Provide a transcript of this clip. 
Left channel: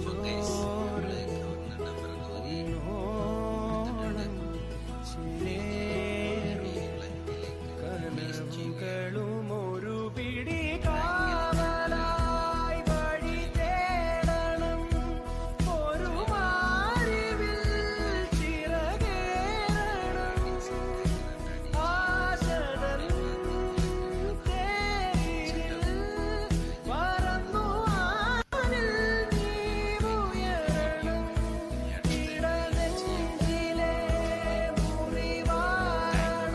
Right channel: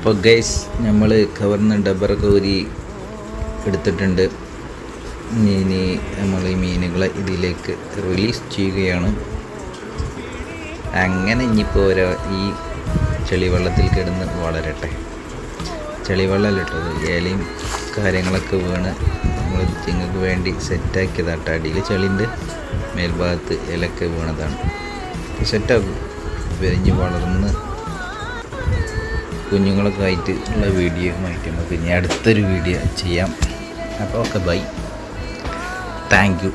അപ്പോൾ ഗൈസ് നമ്മൾ കവർന്ന് ഡബറൊക്കെ ഊരി എടുത്തിട്ടുണ്ട്. ഇനി നമ്മൾ ഈ മീനുകളെ ഇതിലേക്ക് റിലീസ് ചെയ്യുകയാണ്. അങ്ങനെ ഇനിയിപ്പോൾ ഈ ചെളിവെള്ളത്തിൽ കിടന്ന് വളരട്ടെ. ചെളിവെള്ളമില്ല ഇലയും കാര്യങ്ങളൊക്കെ വീണ് നമ്മൾ ചിങ്ങക്ക് വേണ്ടി സെറ്റാക്കിയതാട്ടോ. അടിയിൽ ചെളിൻ്റെ മേൽഭാഗത്ത് ഇലയൊക്കെ വീണതാണ്. സെറ്റാക്കും വിരിഞ്ഞ് വളർന്ന് കുഞ്ഞുങ്ങളൊക്കെ ആയിട്ട് ഉള്ള വീഡിയോ ആയിട്ട് നമുക്ക് ഇനി അടുത്തൊരു വീഡിയോ ചെയ്യാം. അപ്പോൾ ഓക്കെ ബൈ, താങ്ക് യു.